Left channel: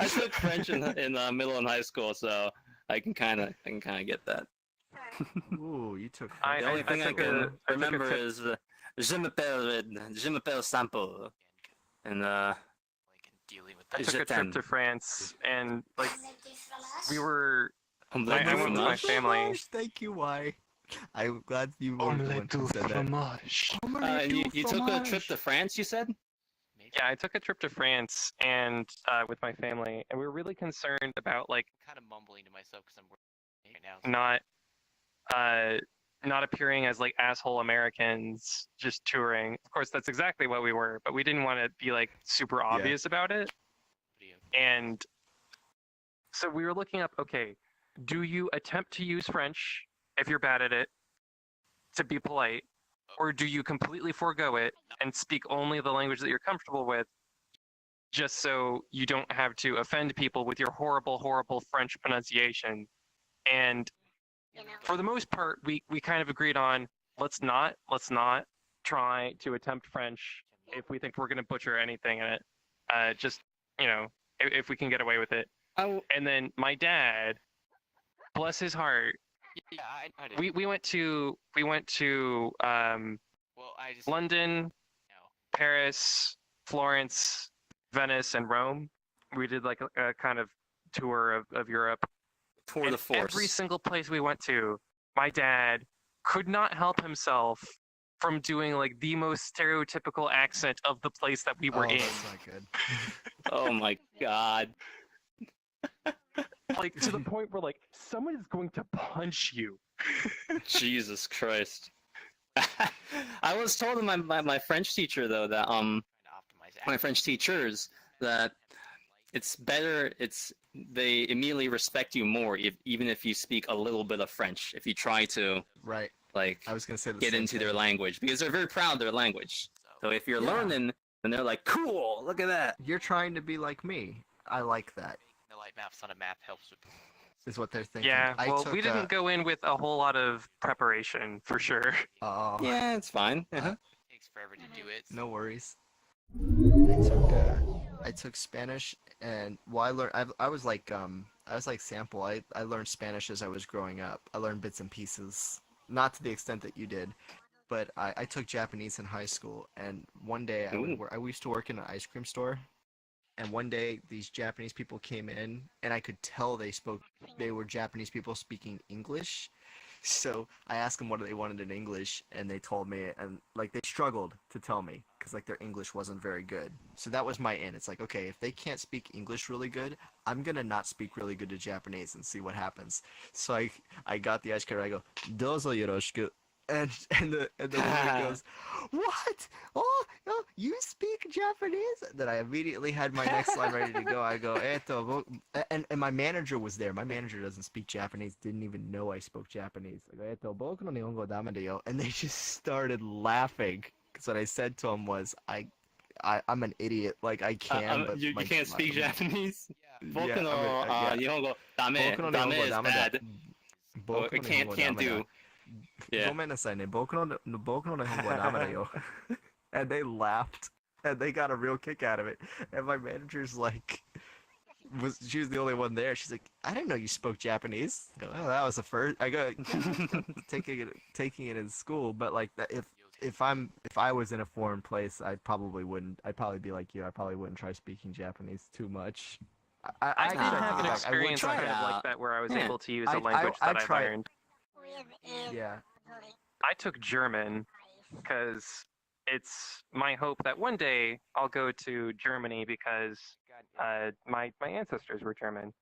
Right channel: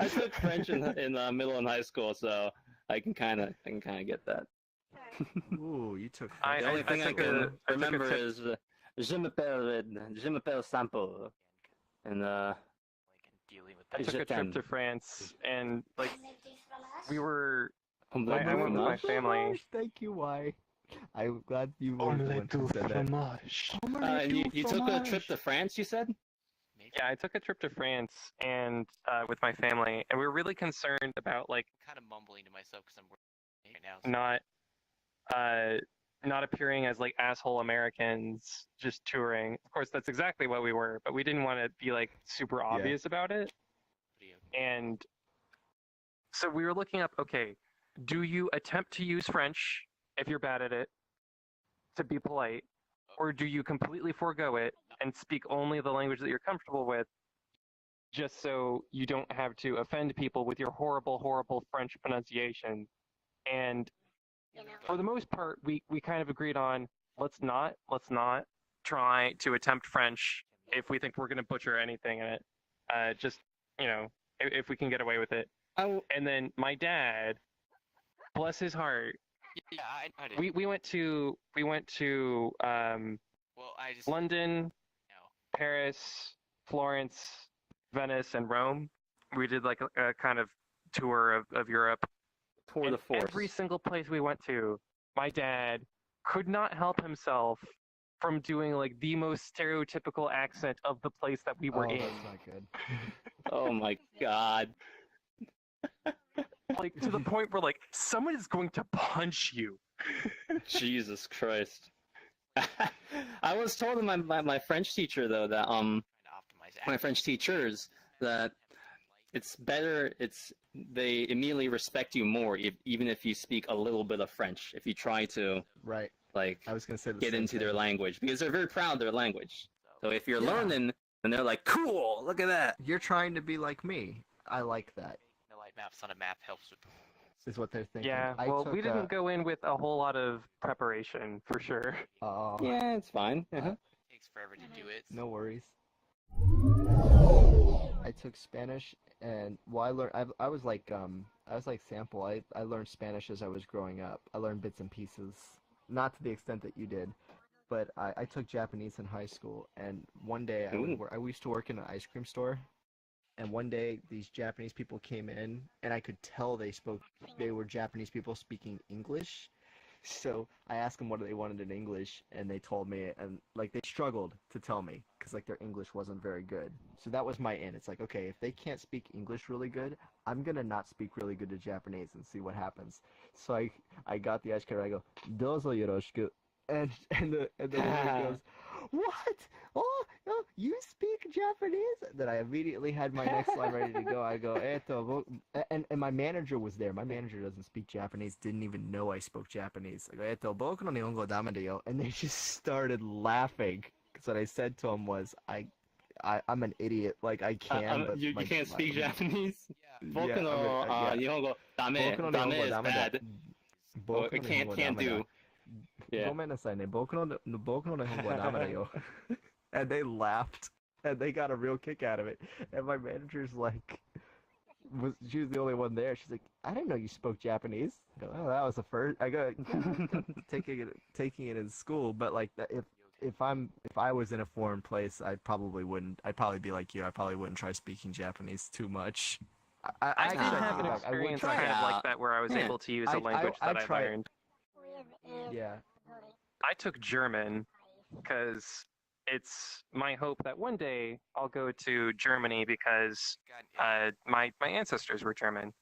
I took French in middle and high school, so I can kind of get that. Ooh, you took. The only thing I can I remember is Je m'appelle Sample, and dealing with that. I took a trip to France, and like we were. I went with my family. Thank you, why? I'm glad you were the one who said that. You took a trip to France, you said? Yeah, I took a trip to France and with my family, and we were really concerned about like kind of mumbling to myself because I'm working right now. Not appearing as like asshole Americans just touring. Of course, that's exactly what we were, but we didn't want to be like super obvious about it. And so we were looking up, okay, do you attempt to use French if you're bad at it to be polite, or do you completely forego it and speak only the language that you're comfortable with just so you don't have to offend people with your horrible, horrible French pronunciation? And for the most part, we kind of agreed on let's not try to attempt French if we think we're going to butcher anything in it. Just, if we can get away with it. And then my dad, bless his heart, Yeah, I did. we went to London, Paris, Florence, Venice, and Rome. We did like a kind of tour of Europe. Tour de force. Every single place we went to, my dad could not help himself from doing like the most stereotypical accent of the place that we were in. That's not good. Oh my god. Like to the point where like someone is going to punch you. Jesus Christ. I was told by my French teacher though that my French teachers that it's better they immediately respect you more even if you speak a little bit of French if you try to Right. like I was gonna say get into their language because they're very proud of their language. So if you're learning and they're like, cool, look at that. You're trying to be like me. I like that. No, like maps on a map helps with. Is what they're thinking. Yeah, well, we didn't go in with a whole lot of preparation for sure. Oh. Yeah, it's fine. It takes forever to do it. No worries. I took Spanish, and I was like sample. I learned Spanish as I was growing up. I learned bits and pieces, not to the extent that you did, but I took Japanese in high school. And one day I used to work in an ice cream store, and one day these Japanese people came in, and I could tell they were Japanese people speaking English. So I asked them what they wanted in English, and they told me, and like they struggled to tell me because like their English wasn't very good. So that was my in. It's like, okay, if they can't speak English really good, I'm gonna not speak really good to Japanese and see what happens. So I got the ice cream. I go, "Dozo yoroshiku," and the woman goes, "What? Oh, you speak Japanese?" Then I immediately had my next line ready to go. I go, and my manager was there. My manager doesn't speak Japanese, didn't even know I spoke Japanese. I go, boku no nihongo dame da yo. And they just started laughing. Because what I said to him was, I'm an idiot. Like, I can, but... You can't speak Japanese? Yeah. Boku no nihongo dame is bad. Can't do. Yeah. ごめんなさいね。僕の日本語はダメだよ. And they laughed, and they got a real kick out of it. And my manager's like, she was the only one there. She's like, I didn't know you spoke Japanese. I go, oh, that was the first. I go, taking it in school, but like if I was in a foreign place, I probably wouldn't. I'd probably be like you. I probably wouldn't try speaking Japanese too much. I did have an experience like that where I was able to use a language that I learned. Yeah. I took German because it's my hope that one day I'll go to Germany because my ancestors were German.